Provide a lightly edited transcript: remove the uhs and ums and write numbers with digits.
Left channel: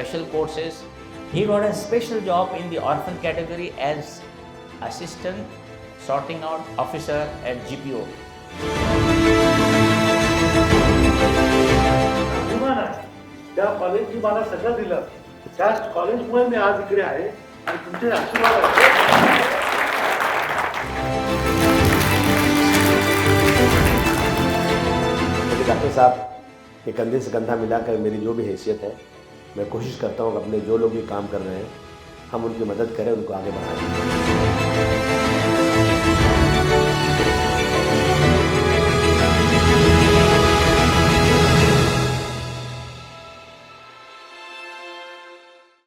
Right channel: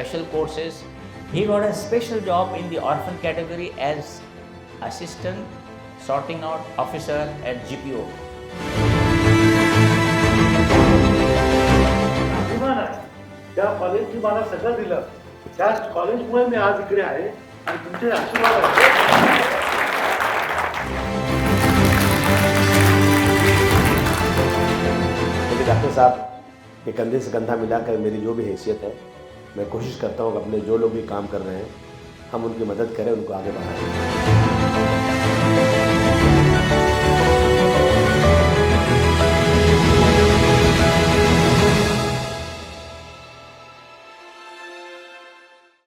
special courses. He got a special job in the orphan category as assistant sorting out officer at GPO. अभिमान आहे त्या कॉलेजची मला सगळं दिलं. त्या कॉलेजमुळे मी आज इकडे आहे आणि तुमचे आशीर्वाद आहेत. डॉक्टर साहब के कंधे से कंधा मिलाकर मेरी जो भी हैसियत है, मैं कोशिश करता हूँ कि अपने जो लोग भी काम कर रहे हैं हम उनकी मदद करें, उनको आगे बढ़ाएं।